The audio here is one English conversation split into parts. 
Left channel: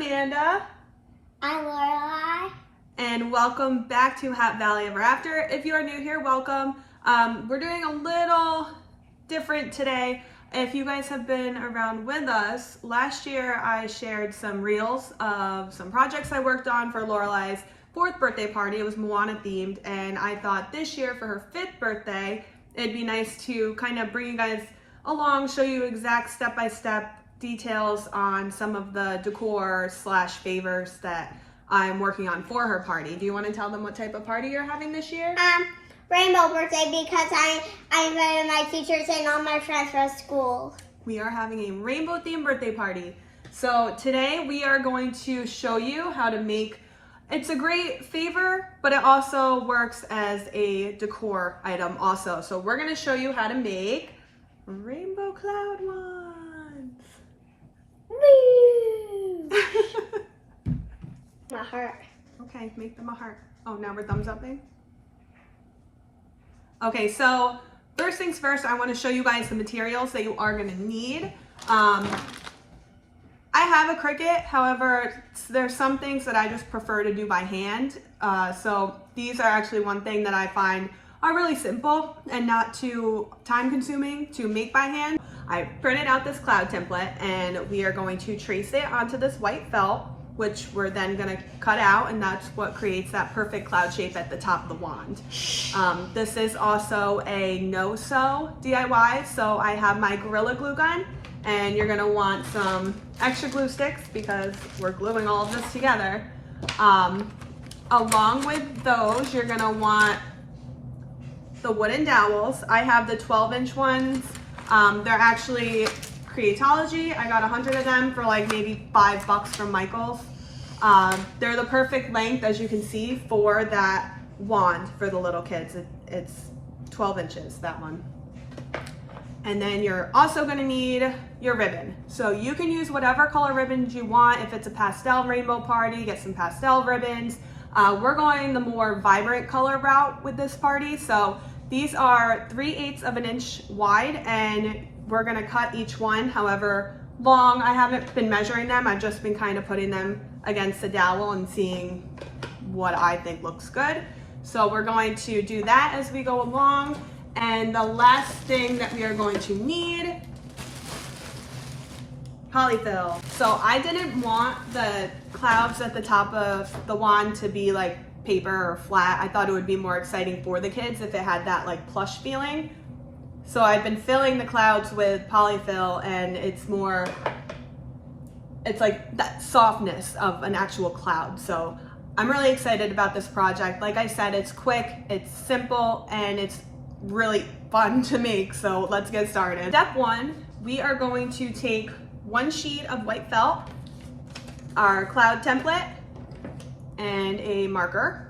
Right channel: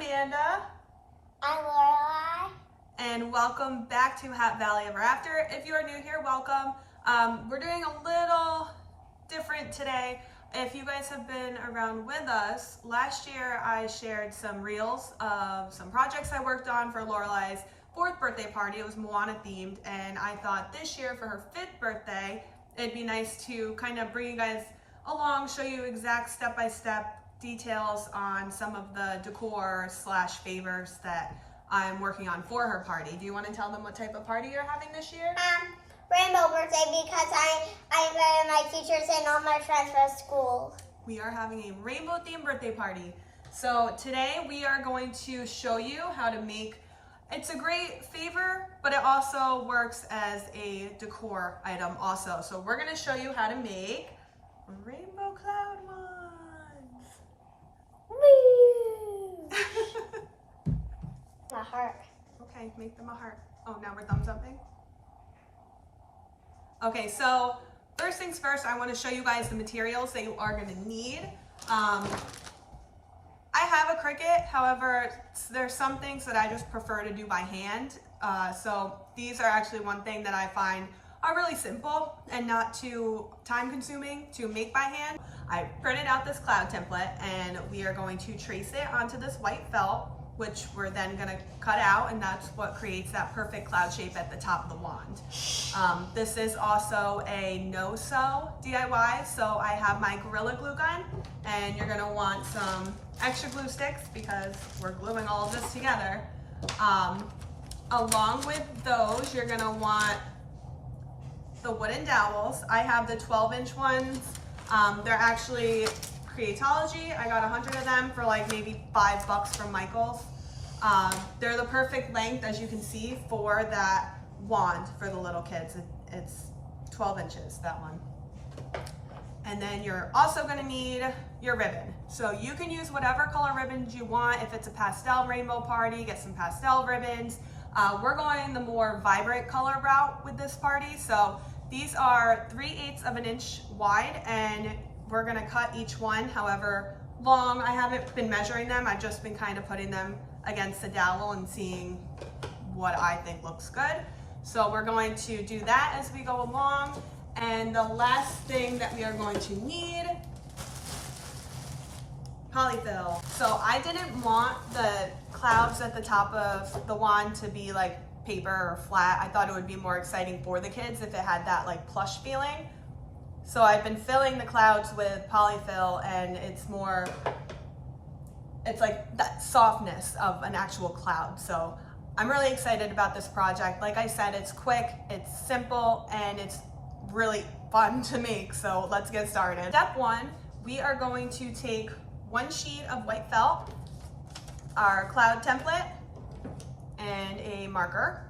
Amanda. I'm Lorelai. And welcome back to Hat Valley Ever After. If you are new here, welcome. We're doing a little different today. If you guys have been around with us, last year I shared some reels of some projects I worked on for Lorelai's 4th birthday party. It was Moana themed, and I thought this year for her 5th birthday, it'd be nice to kind of bring you guys along, show you exact step-by-step details on some of the decor / favors that I'm working on for her party. Do you want to tell them what type of party you're having this year? Rainbow birthday, because I invited my teachers and all my friends from school. We are having a rainbow themed birthday party. So today we are going to show you how to make, it's a great favor, but it also works as a decor item also. So we're going to show you how to make rainbow cloud ones. Woo! My heart. Okay, make them a heart. Oh, now we're thumbs upping. Okay, so first things first, I want to show you guys the materials that you are going to need. I have a Cricut, however, there's some things that I just prefer to do by hand. So these are actually one thing that I find are really simple and not too time consuming to make by hand. I printed out this cloud template and we are going to trace it onto this white felt, which we're then gonna cut out, and that's what creates that perfect cloud shape at the top of the wand. This is also a no-sew DIY, so I have my Gorilla Glue gun, and you're gonna want some extra glue sticks because we're gluing all of this together. Along with those, you're gonna want the wooden dowels. I have the 12-inch ones. They're actually Creatology. I got 100 of them for like maybe $5 from Michael's. They're the perfect length, as you can see, for that wand for the little kids. It's 12 inches, that one. And then you're also gonna need your ribbon. So you can use whatever color ribbons you want. If it's a pastel rainbow party, get some pastel ribbons. We're going the more vibrant color route with this party. So these are 3/8 of an inch wide, and we're gonna cut each one however long. I haven't been measuring them. I've just been kind of putting them against the dowel and seeing what I think looks good. So we're going to do that as we go along. And the last thing that we are going to need, poly-fil. So I didn't want the clouds at the top of the wand to be like paper or flat. I thought it would be more exciting for the kids if it had that like plush feeling. So I've been filling the clouds with poly-fil, and it's like that softness of an actual cloud. So I'm really excited about this project. Like I said, it's quick, it's simple, and it's really fun to make. So let's get started. Step 1, we are going to take 1 sheet of white felt, our cloud template, and a marker.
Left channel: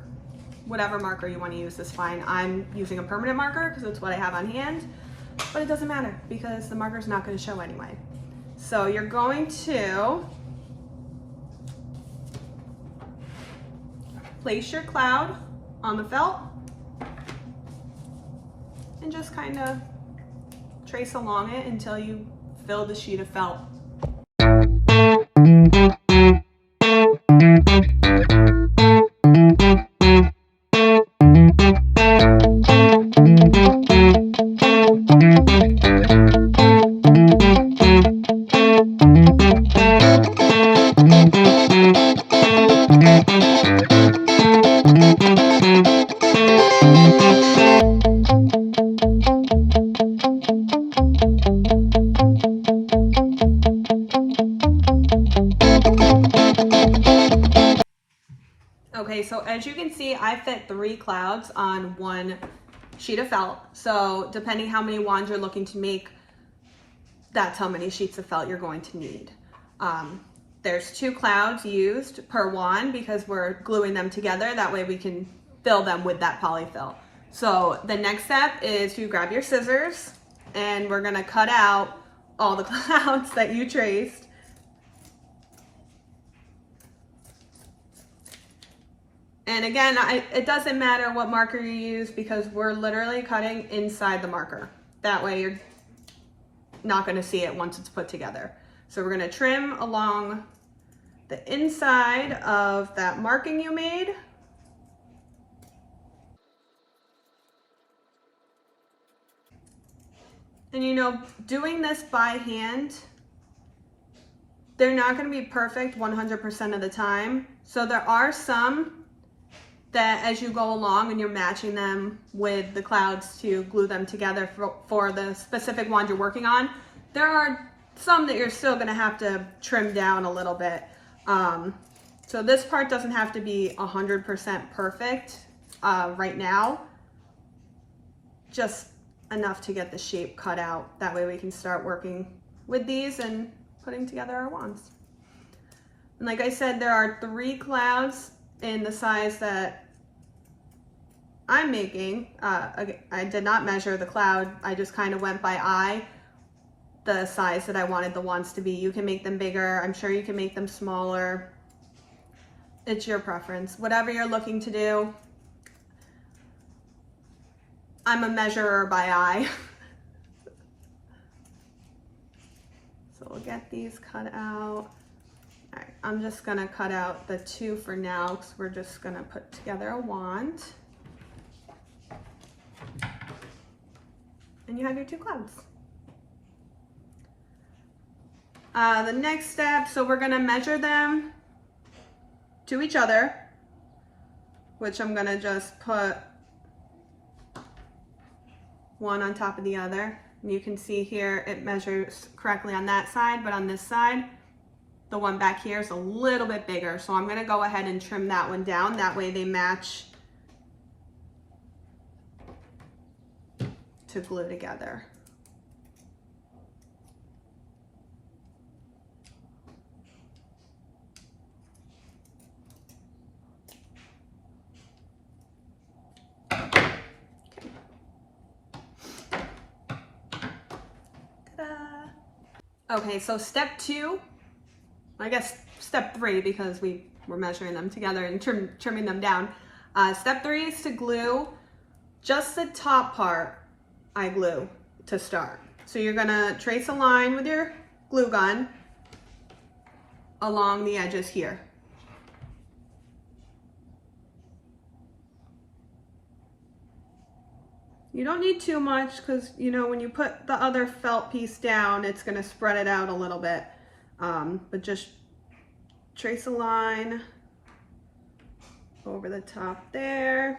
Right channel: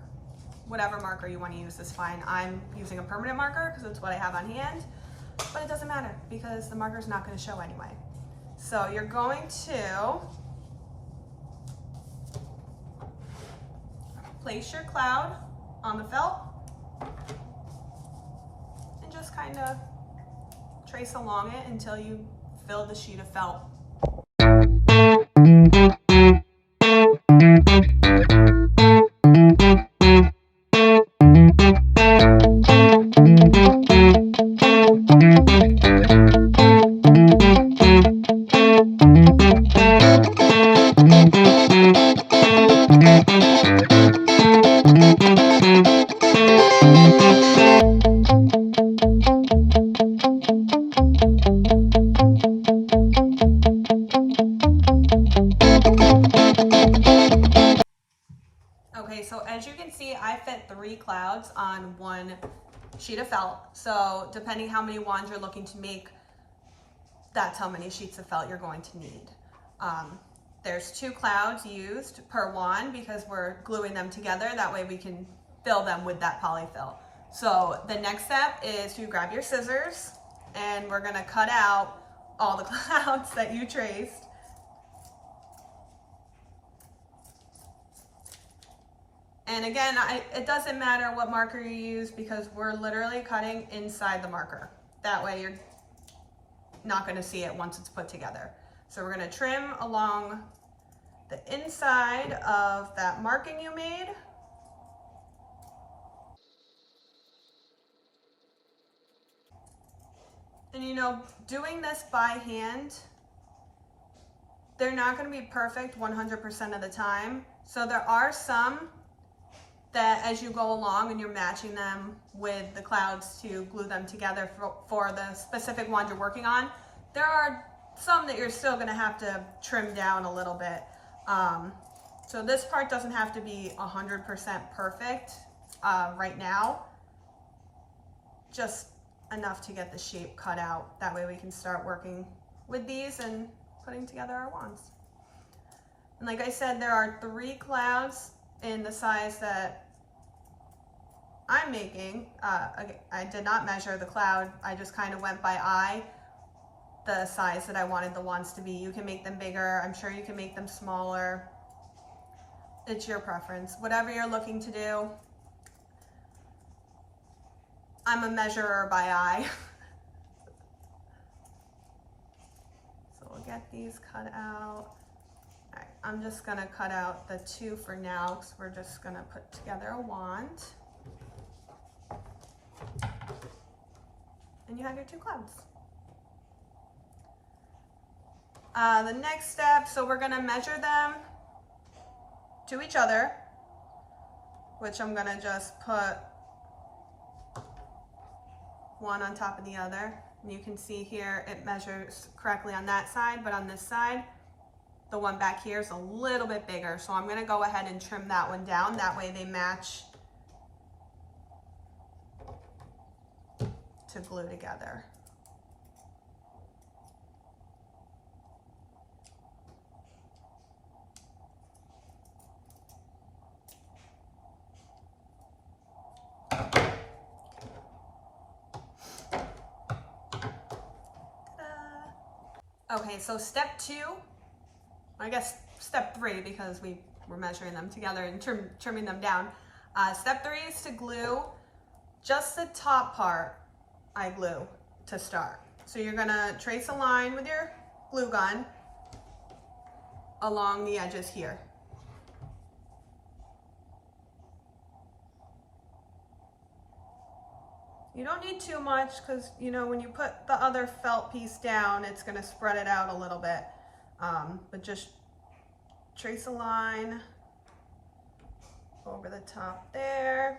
Whatever marker you want to use is fine. I'm using a permanent marker because it's what I have on hand, but it doesn't matter because the marker's not going to show anyway. So you're going to place your cloud on the felt and just kind of trace along it until you fill the sheet of felt. Okay, so as you can see, I fit 3 clouds on 1 sheet of felt. So depending how many wands you're looking to make, that's how many sheets of felt you're going to need. There's 2 clouds used per wand because we're gluing them together. That way we can fill them with that poly-fil. So the next step is to grab your scissors, and we're gonna cut out all the clouds that you traced. And again, it doesn't matter what marker you use because we're literally cutting inside the marker. That way you're not gonna see it once it's put together. So we're gonna trim along the inside of that marking you made. And you know, doing this by hand, they're not going to be perfect 100% of the time. So there are some that as you go along and you're matching them with the clouds to glue them together for the specific wand you're working on, there are some that you're still going to have to trim down a little bit. So this part doesn't have to be 100% perfect right now, just enough to get the shape cut out. That way we can start working with these and putting together our wands. And like I said, there are 3 clouds in the size that I'm making. I did not measure the cloud. I just kind of went by eye, the size that I wanted the wands to be. You can make them bigger. I'm sure you can make them smaller. It's your preference. Whatever you're looking to do. I'm a measurer by eye. So we'll get these cut out. All right, I'm just gonna cut out the 2 for now because we're just gonna put together a wand. And you have your 2 clouds. The next step, so we're gonna measure them to each other, which I'm gonna just put one on top of the other. And you can see here it measures correctly on that side, but on this side, the one back here is a little bit bigger. So I'm gonna go ahead and trim that one down. That way they match to glue together. Okay, so step 2, I guess step 3 because we were measuring them together and trimming them down. Step 3 is to glue just the top part. I glue to start. So you're gonna trace a line with your glue gun along the edges here. You don't need too much because, you know, when you put the other felt piece down, it's going to spread it out a little bit. But just trace a line over the top there.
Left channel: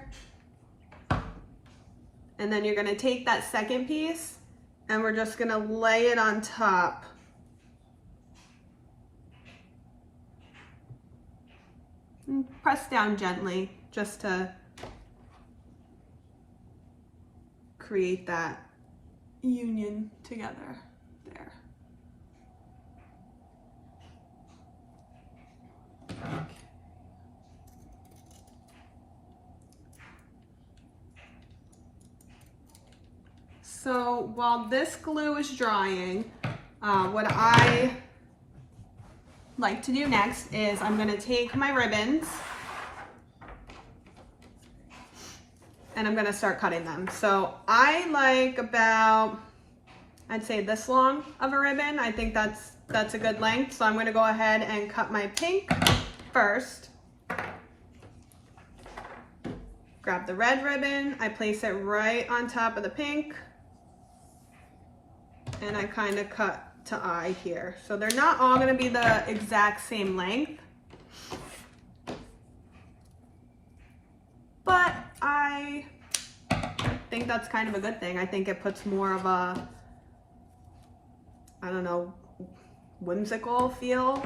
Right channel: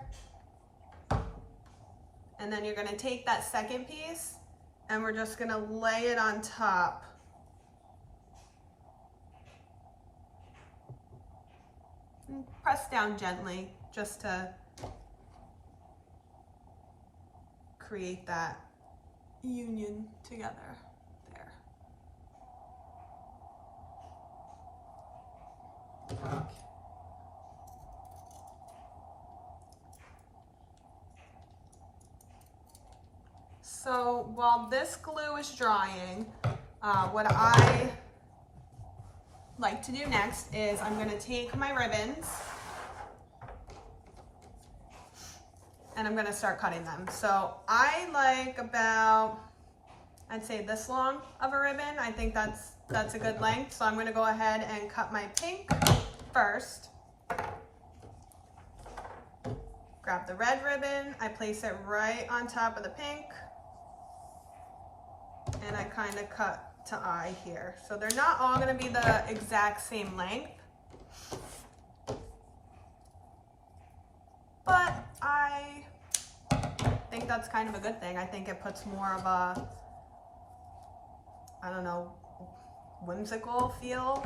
And then you're going to take that second piece and we're just going to lay it on top. And press down gently just to create that union together there. So while this glue is drying, what I like to do next is I'm going to take my ribbons and I'm going to start cutting them. So I like about, I'd say this long of a ribbon. I think that's a good length. So I'm going to go ahead and cut my pink first. Grab the red ribbon, I place it right on top of the pink, and I kind of cut to eye here. So they're not all going to be the exact same length, but I think that's kind of a good thing. I think it puts more of a, I don't know, whimsical feel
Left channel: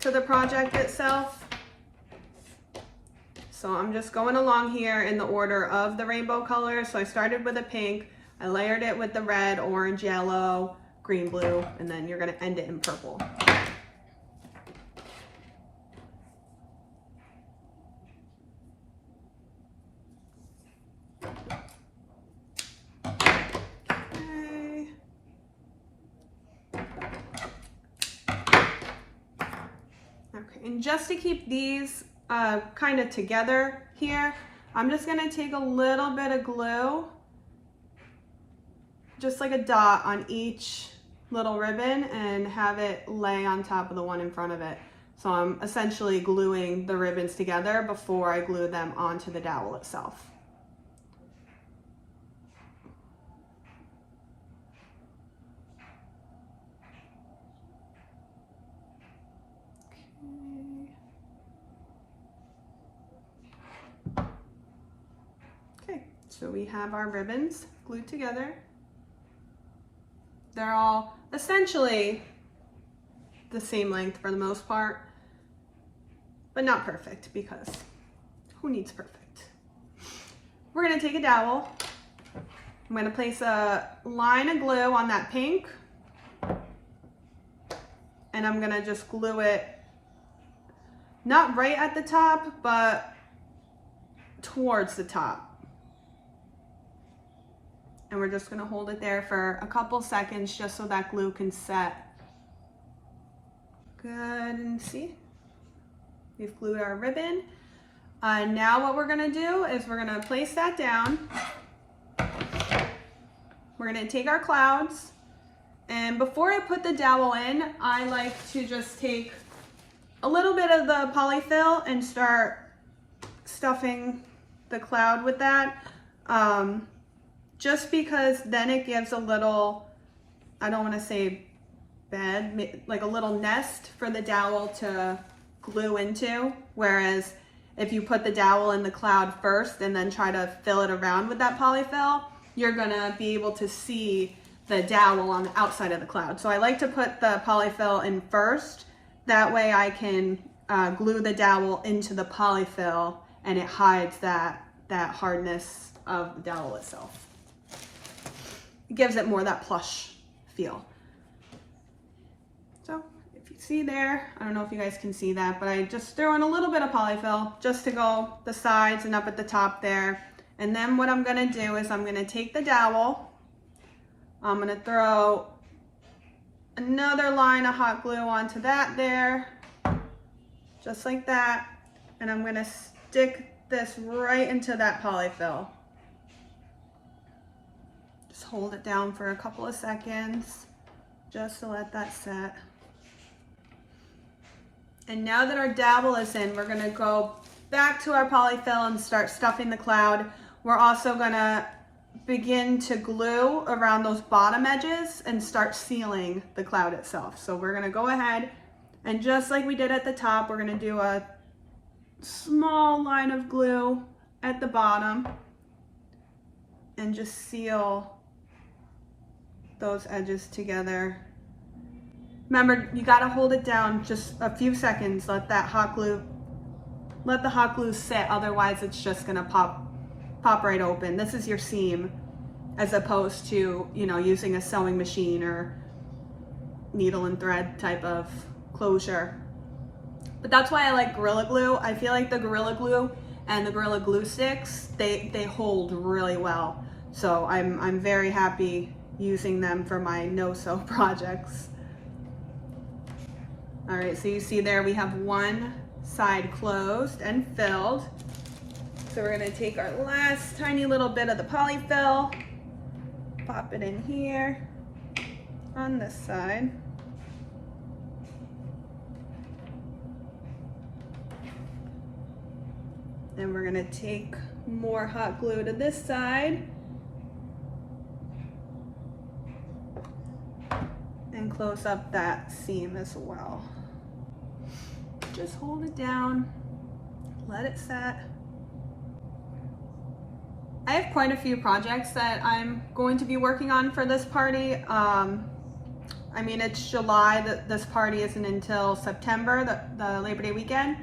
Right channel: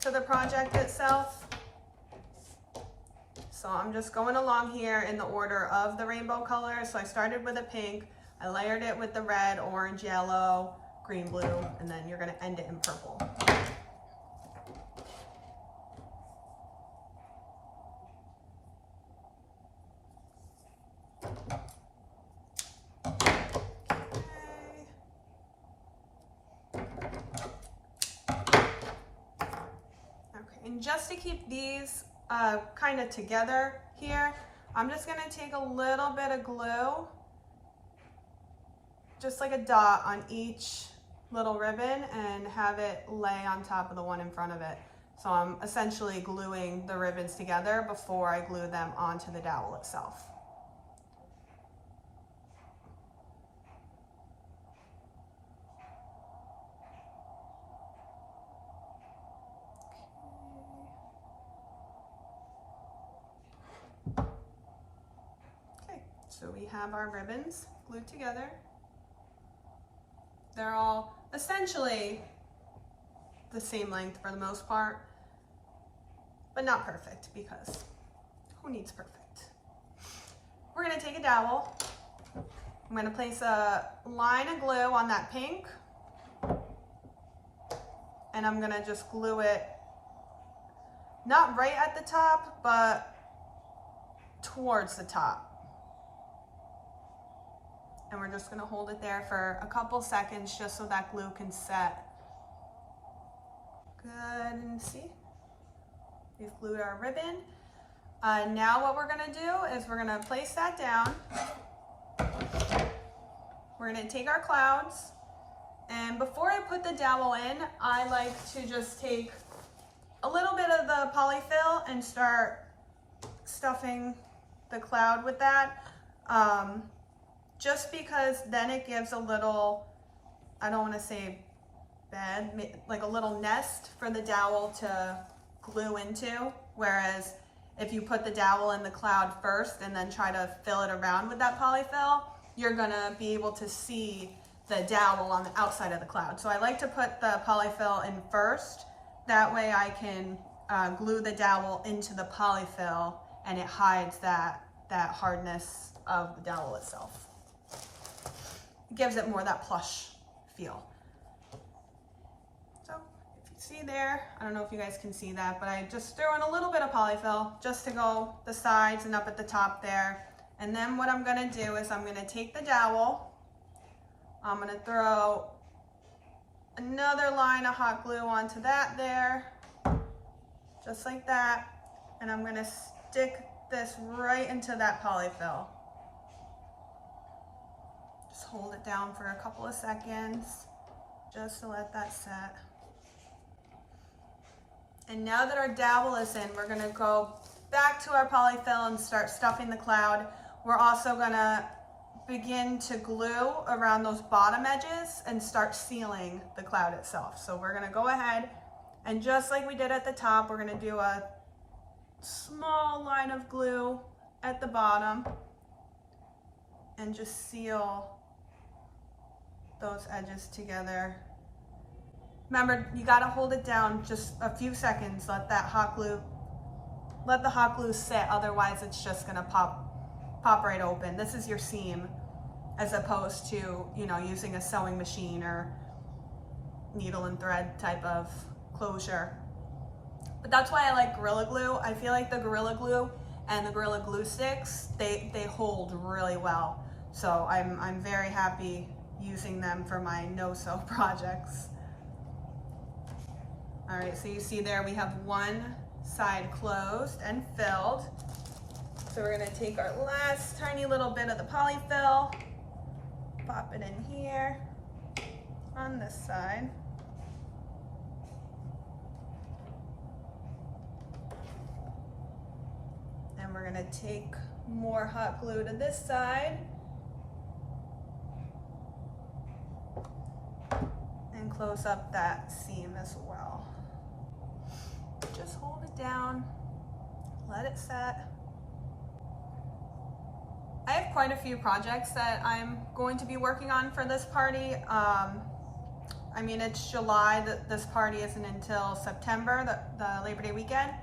to the project itself. So I'm just going along here in the order of the rainbow colors. So I started with a pink, I layered it with the red, orange, yellow, green, blue, and then you're going to end it in purple. Okay, and just to keep these kind of together here, I'm just going to take a little bit of glue, just like a dot on each little ribbon, and have it lay on top of the one in front of it. So I'm essentially gluing the ribbons together before I glue them onto the dowel itself. Okay, so we have our ribbons glued together. They're all essentially the same length for the most part, but not perfect, because who needs perfect? We're gonna take a dowel. I'm gonna place a line of glue on that pink, and I'm gonna just glue it not right at the top, but towards the top. And we're just gonna hold it there for a couple seconds just so that glue can set. Good, and see, we've glued our ribbon. Now what we're gonna do is we're gonna place that down. We're gonna take our clouds, and before I put the dowel in, I like to just take a little bit of the poly-fil and start stuffing the cloud with that. Just because then it gives a little, I don't wanna say bed, like a little nest for the dowel to glue into, whereas if you put the dowel in the cloud first and then try to fill it around with that poly-fil, you're gonna be able to see the dowel on the outside of the cloud. So I like to put the poly-fil in first, that way I can glue the dowel into the poly-fil and it hides that hardness of the dowel itself. It gives it more that plush feel. So if you see there, I don't know if you guys can see that, but I just threw in a little bit of poly-fil just to go the sides and up at the top there. And then what I'm gonna do is I'm gonna take the dowel, I'm gonna throw another line of hot glue onto that there, just like that. And I'm gonna stick this right into that poly-fil. Just hold it down for a couple of seconds, just to let that set. And now that our dowel is in, we're gonna go back to our poly-fil and start stuffing the cloud. We're also gonna begin to glue around those bottom edges and start sealing the cloud itself. So we're gonna go ahead and just like we did at the top, we're gonna do a small line of glue at the bottom and just seal those edges together. Remember, you gotta hold it down just a few seconds, let the hot glue sit, otherwise it's just gonna pop right open. This is your seam, as opposed to, you know, using a sewing machine or needle and thread type of closure. But that's why I like Gorilla Glue. I feel like the Gorilla Glue and the Gorilla Glue sticks, they hold really well. So I'm very happy using them for my no-sew projects. All right, so you see there we have one side closed and filled. So we're gonna take our last tiny little bit of the poly-fil, pop it in here on this side. Then we're gonna take more hot glue to this side and close up that seam as well. Just hold it down, let it set. I have quite a few projects that I'm going to be working on for this party. I mean, it's July, this party isn't until September, the Labor Day weekend.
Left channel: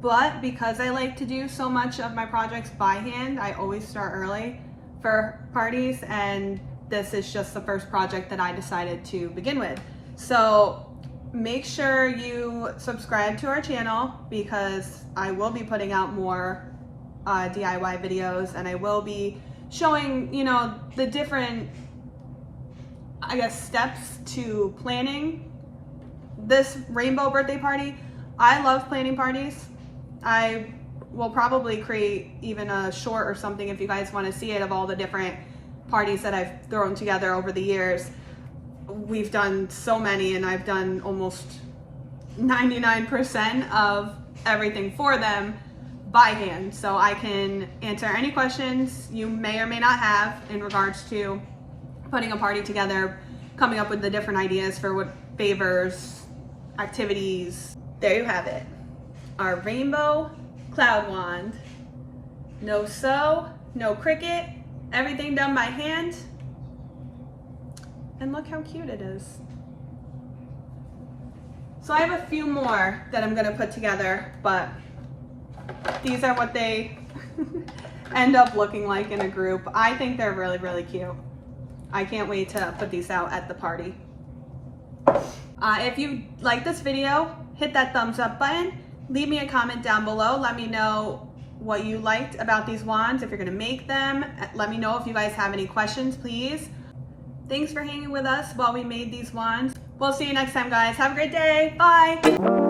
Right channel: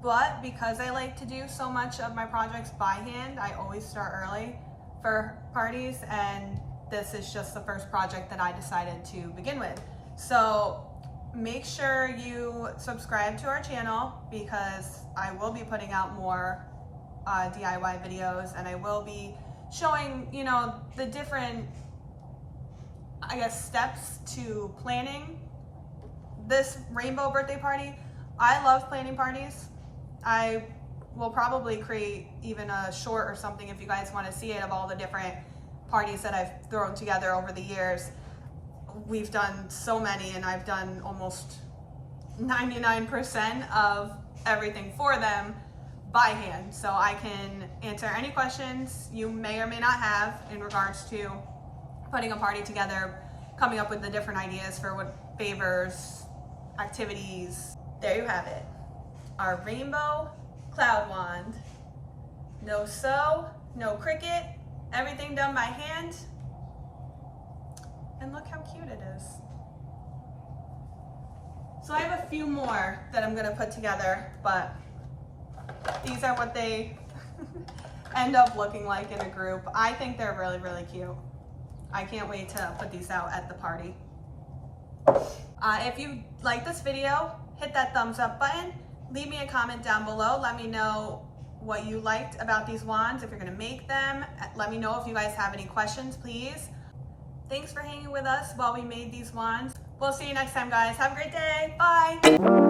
But because I like to do so much of my projects by hand, I always start early for parties, and this is just the first project that I decided to begin with. So make sure you subscribe to our channel, because I will be putting out more DIY videos, and I will be showing, you know, the different, I guess, steps to planning this rainbow birthday party. I love planning parties. I will probably create even a short or something if you guys want to see it, of all the different parties that I've thrown together over the years. We've done so many, and I've done almost 99% of everything for them by hand, so I can answer any questions you may or may not have in regards to putting a party together, coming up with the different ideas for what favors, activities. There you have it, our rainbow cloud wand. No sew, no Cricut, everything done by hand. And look how cute it is. So I have a few more that I'm gonna put together, but these are what they end up looking like in a group. I think they're really, really cute. I can't wait to put these out at the party. If you like this video, hit that thumbs up button. Leave me a comment down below. Let me know what you liked about these wands, if you're gonna make them. Let me know if you guys have any questions, please. Thanks for hanging with us while we made these wands. We'll see you next time, guys. Have a great day. Bye.